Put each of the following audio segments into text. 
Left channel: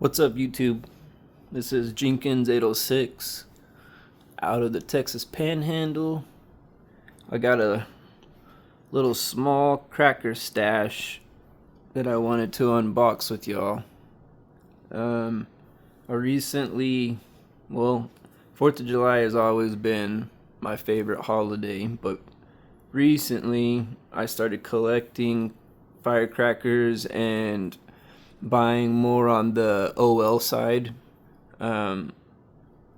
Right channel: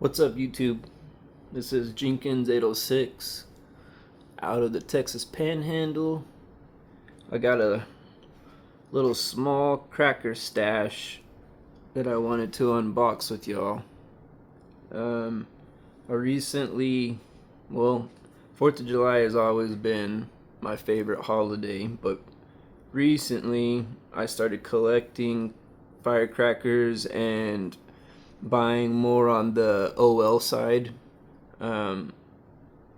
What's up, YouTube? This is Jenkins 806 out of the Texas Panhandle. I got a little small cracker stash that I wanted to unbox with y'all. I recently, 4th of July has always been my favorite holiday, but recently I started collecting firecrackers and buying more on the OL side, and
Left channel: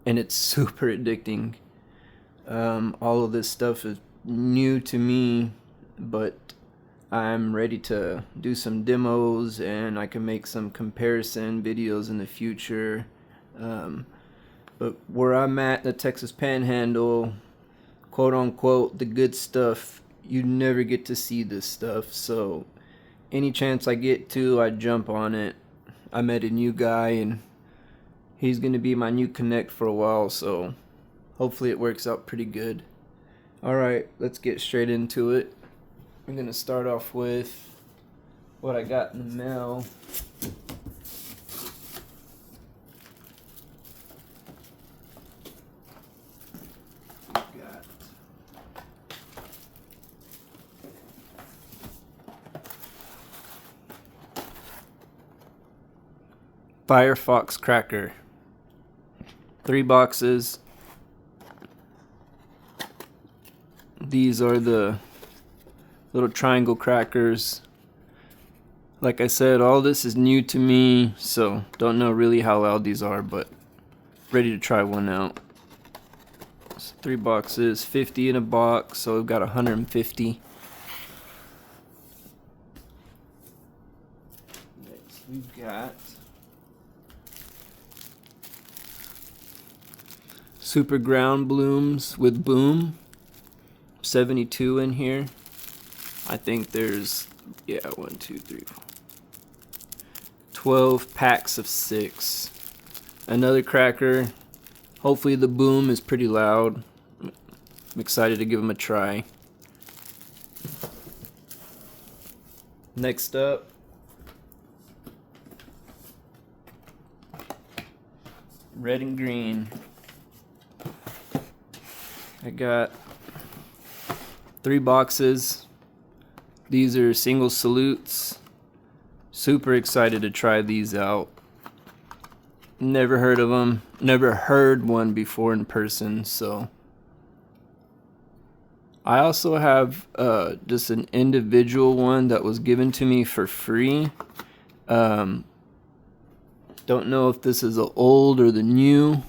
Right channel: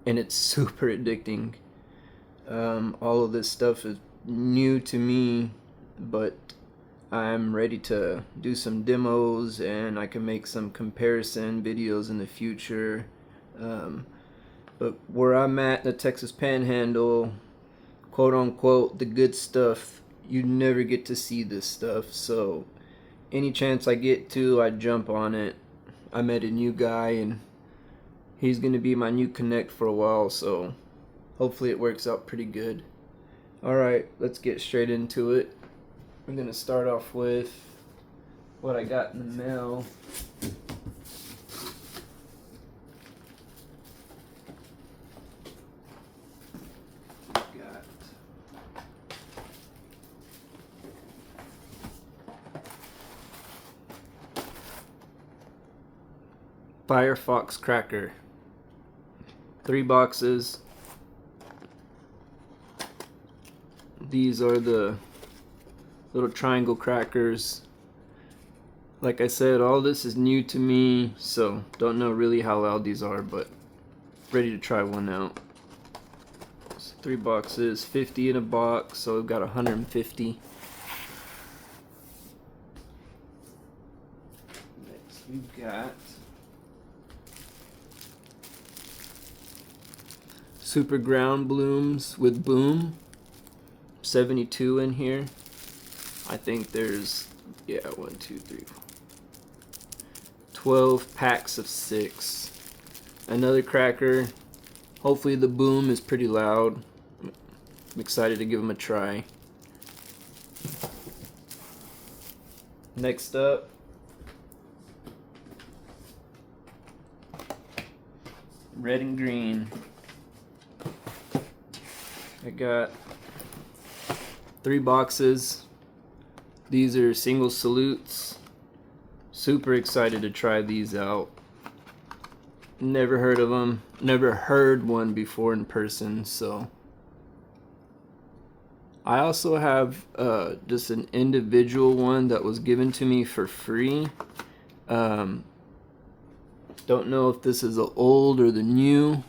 it's super addicting. All of this stuff is new to me, but I'm ready to do some demos and I can make some comparison videos in the future. But where I'm at, the Texas Panhandle, quote unquote, the good stuff, you never get to see this stuff. So any chance I get to, I jump on it. I met a new guy and he's gonna be my new connect for a while, so hopefully it works out pretty good. Alright, let's get straight into it. I'm gonna start off with what I got in the mail. Firecracker. 3 boxes. These are the little triangle crackers. Like I said, all this is new to me, so don't know really how loud these are, but ready to try one out. It's 3 boxes, 50 in a box, so I've got 150. Next we've got Super Ground Blooms with Boom. 72 in here. I think there's 12 packs of 6. Another cracker. Hopefully the Boom is pretty loud. I'm excited to give them a try. Next up, red and green. I got 3 boxes. These are single salutes. Super excited to try these out. Never heard of them. Never heard one before in person, so. I also have just an individual one that was given to me for free. Don't know if this is the old or the new,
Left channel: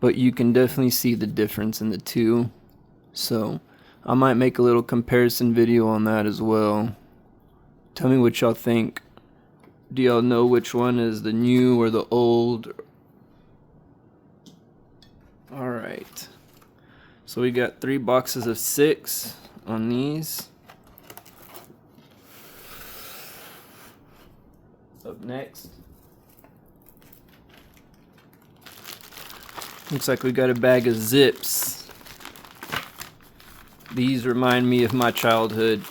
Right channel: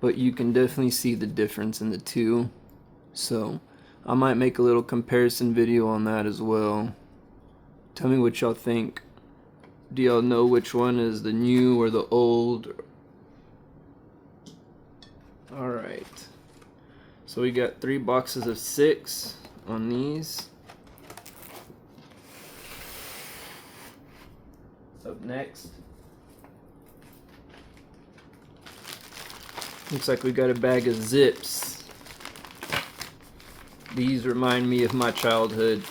but you can definitely see the difference in the two. So I might make a little comparison video on that as well. Tell me what y'all think. Do y'all know which one is the new or the old? Alright. So we got 3 boxes of 6 on these. Up next, looks like we got a bag of Zips. These remind me of my childhood.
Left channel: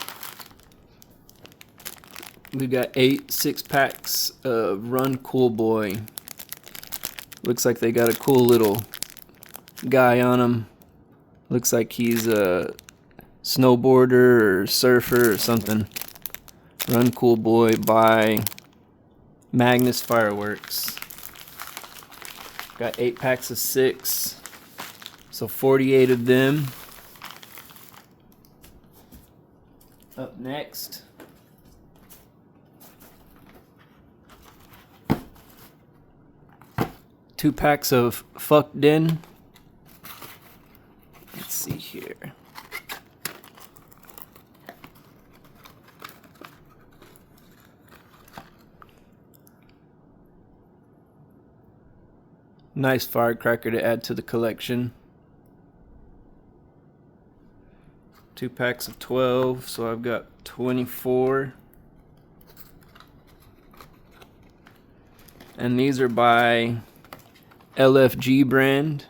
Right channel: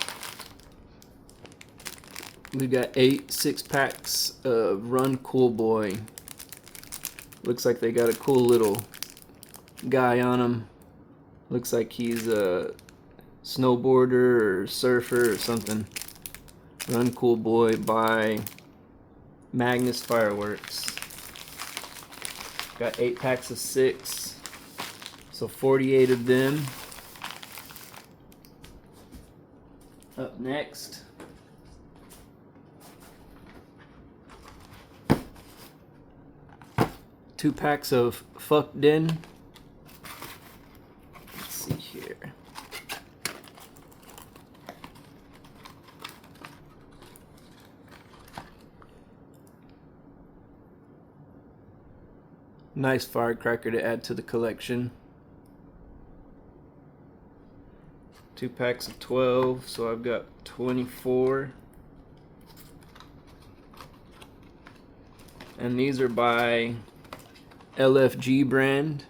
We got 8 6-packs of Run Cool Boy. Looks like they got a cool little guy on them. Looks like he's a snowboarder or surfer or something. Run Cool Boy by Magnus Fireworks. Got 8 packs of 6, so 48 of them. Up next, two packs of Fucked In. Let's see here. Nice firecracker to add to the collection. 2 packs of 12, so I've got 24. And these are by LFG brand.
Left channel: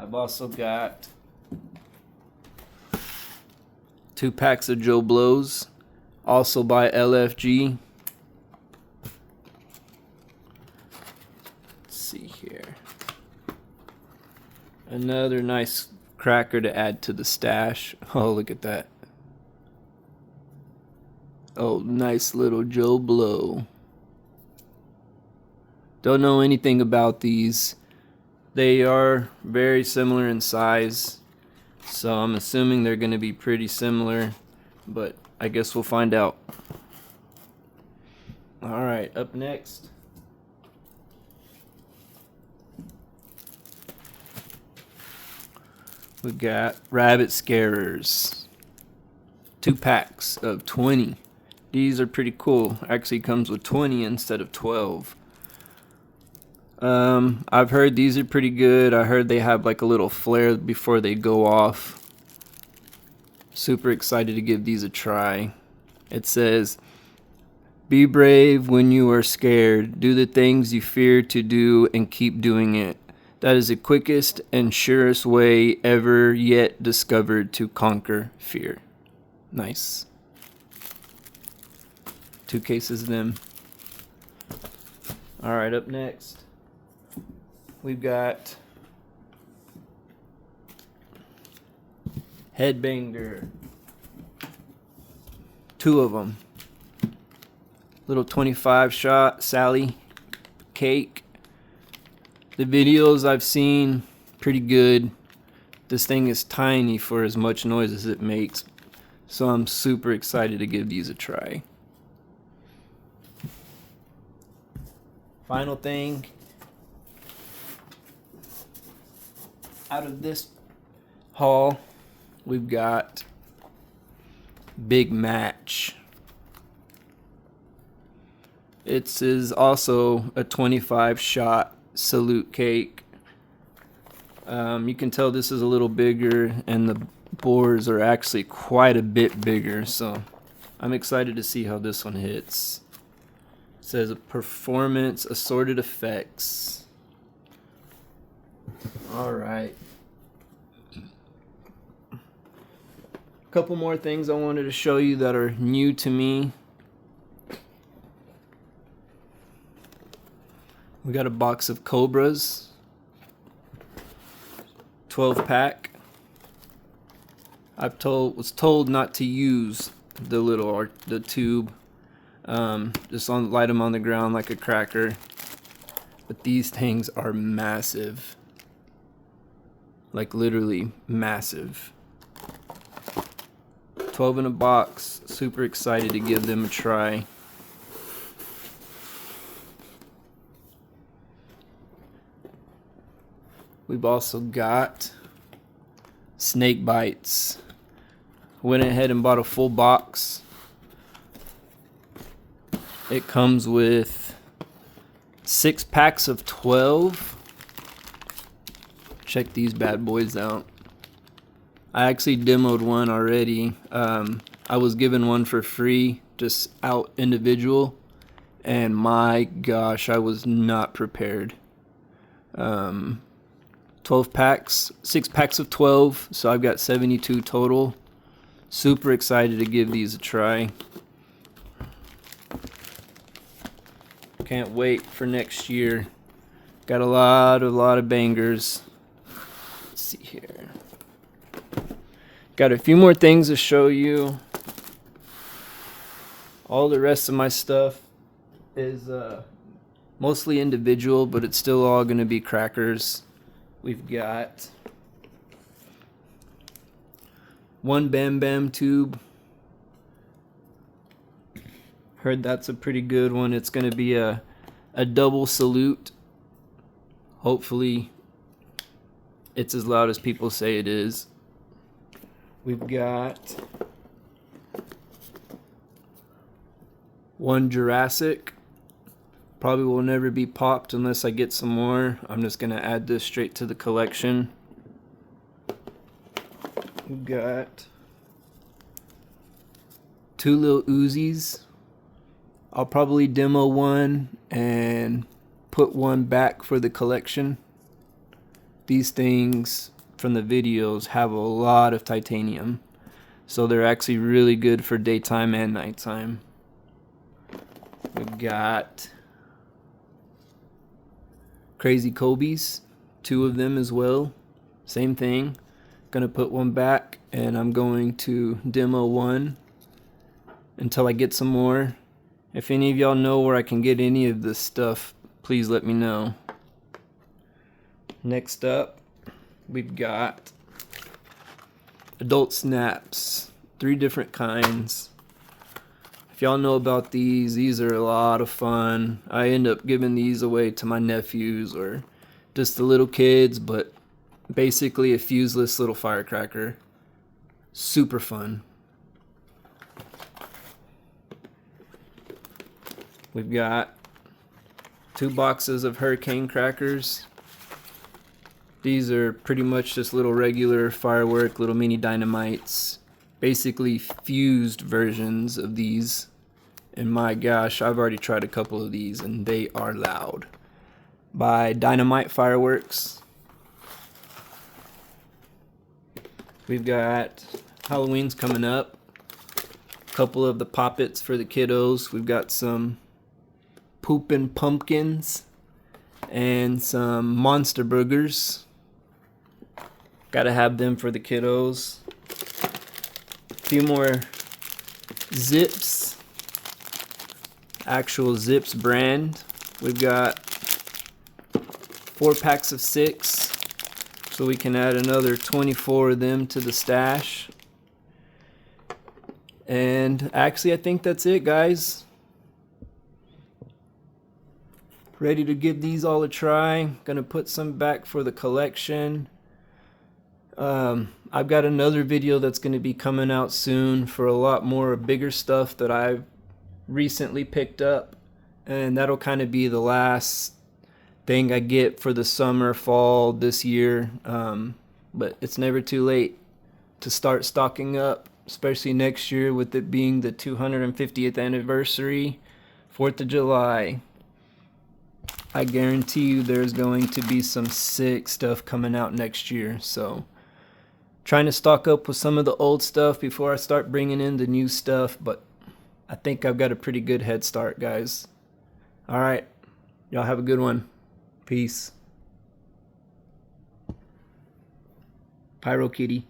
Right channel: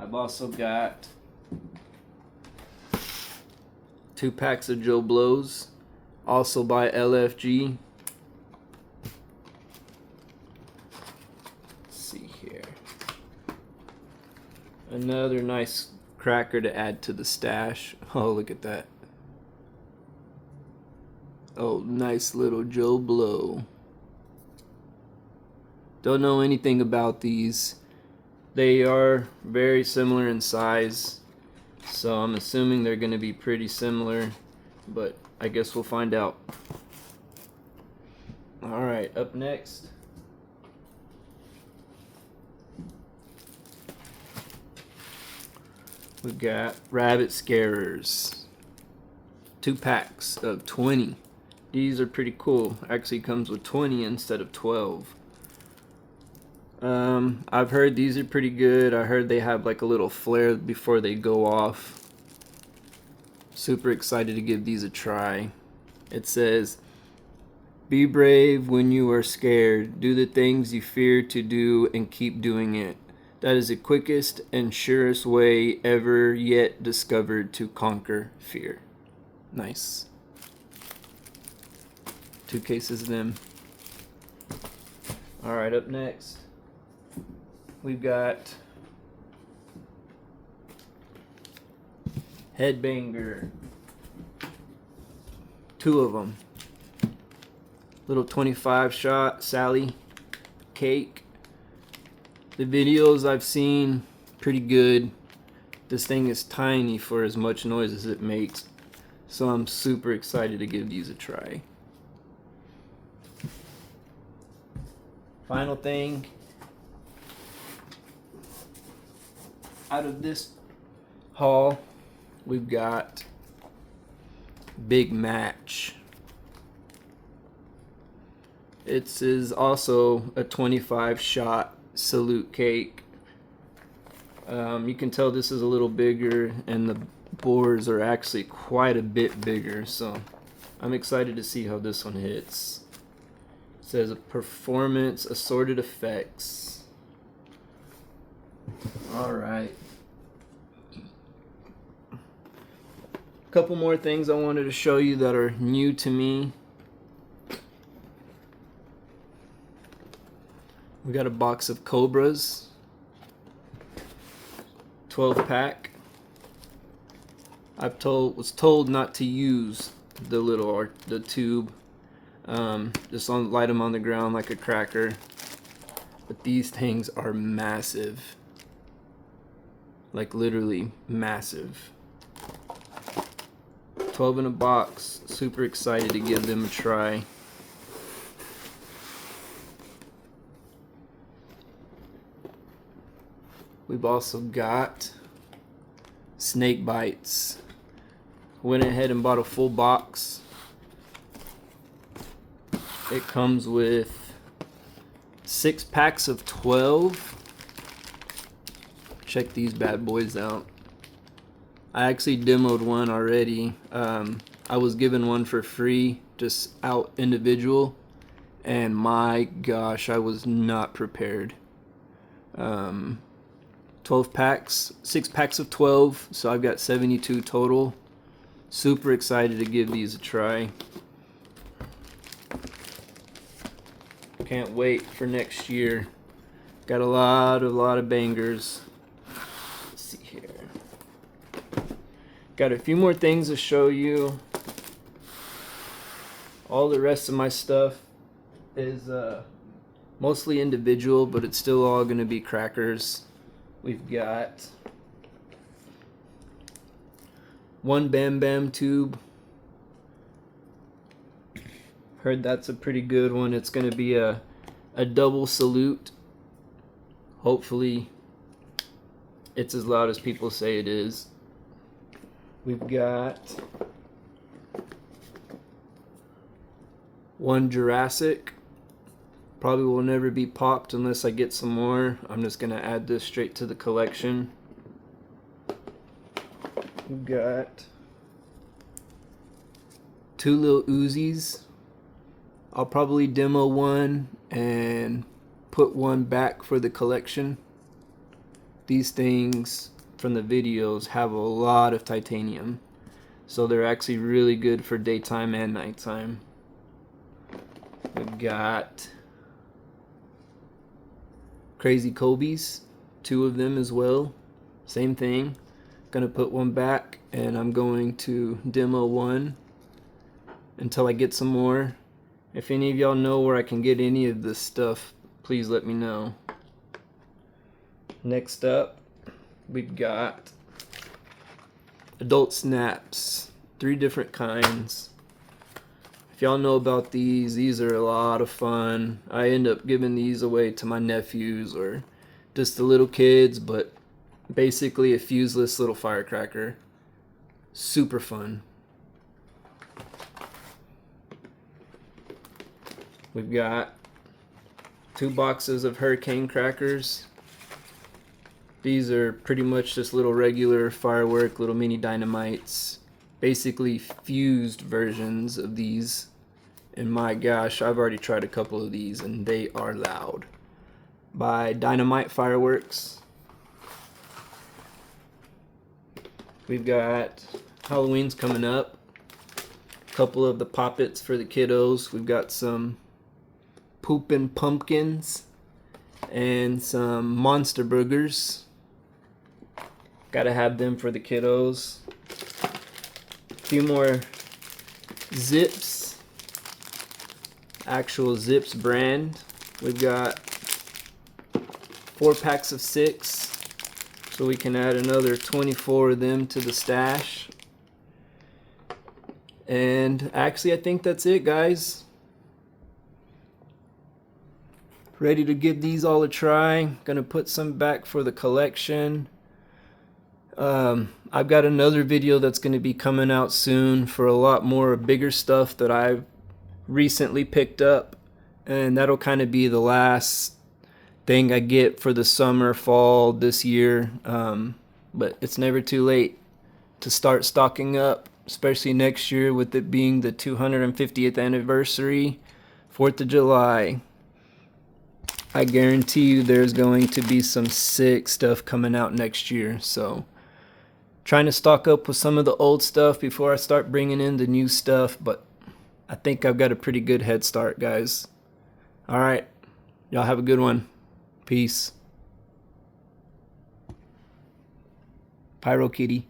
I've also got 2 packs of Joe Blows. also by LFG. Let's see here. Another nice cracker to add to the stash. Oh, look at that. Oh, nice little Joe Blow. Don't know anything about these. They are very similar in size, so I'm assuming they're going to be pretty similar, but I guess we'll find out. Alright, up next, we got Rabbit Scarers. 2 packs of 20. These are pretty cool. Actually comes with 20 instead of 12. I've heard these are pretty good. I heard they have like a little flare before they go off. Super excited to give these a try. It says, "Be brave when you are scared. Do the things you fear to do and keep doing it. That is the quickest and surest way ever yet discovered to conquer fear." Nice. 2 cases of them. Alright, up next, we've got Headbanger. 2 of them. Little 25 shot Sally cake. The videos I've seen, pretty good. This thing is tiny for as much noise as it makes, so I'm super excited to give these a try. Final thing out of this haul, we've got Big Match. It is also a 25 shot salute cake. You can tell this is a little bigger, and the bores are actually quite a bit bigger, so I'm excited to see how this one hits. It says performance assorted effects. Alright. A couple more things I wanted to show you that are new to me. We got a box of Cobras. 12 pack. Was told not to use the tube. Just light them on the ground like a cracker. But these things are massive. Like literally massive. 12 in a box. Super excited to give them a try. We've also got snake bites. Went ahead and bought a full box. It comes with 6 packs of 12. Check these bad boys out. I actually demoed one already. I was given one for free, just out individual, and my gosh, I was not prepared. 12 packs, 6 packs of 12, so I've got 72 total. Super excited to give these a try. Can't wait for next year. Got a lot of bangers. Let's see here. Got a few more things to show you. All the rest of my stuff is mostly individual, but it's still all going to be crackers. We've got 1 Bam Bam tube. Heard that's a pretty good one. It's going to be a double salute. Hopefully it's as loud as people say it is. We've got 1 Jurassic. Probably will never be popped unless I get some more. I'm just going to add this straight to the collection. We've got 2 little Uzis. I'll probably demo one and put one back for the collection. These things from the videos have a lot of titanium. So they're actually really good for daytime and nighttime. We got Crazy Kobe's, 2 of them as well. Same thing. Gonna put one back and I'm going to demo one until I get some more. If any of y'all know where I can get any of this stuff, please let me know. Next up, we've got adult snaps, 3 different kinds. If y'all know about these are a lot of fun. I end up giving these away to my nephews or just the little kids, but basically a fuseless little firecracker. Super fun. We've got 2 boxes of hurricane crackers. These are pretty much just little regular firework, little mini dynamites. Basically fused versions of these. And my gosh, I've already tried a couple of these and they are loud. By Dynamite Fireworks. We've got Halloween's coming up. A couple of the poppets for the kiddos. We've got some Poopin' Pumpkins and some Monster Burgers. Gotta have them for the kiddos. A few more Zips. Actual Zips brand. We've got 4 packs of 6. So we can add another 24 of them to the stash. And actually I think that's it, guys. Ready to give these all a try. Gonna put some back for the collection. I've got another video that's going to be coming out soon for a lot more bigger stuff that I've recently picked up, and that'll kind of be the last thing I get for the summer, fall this year. But it's never too late to start stocking up, especially next year with it being the 250th anniversary, 4th of July. I guarantee you there's going to be some sick stuff coming out next year, so trying to stock up with some of the old stuff before I start bringing in the new stuff, but I think I've got a pretty good head start, guys. All right, y'all have a good one. Peace. Pyro Kitty.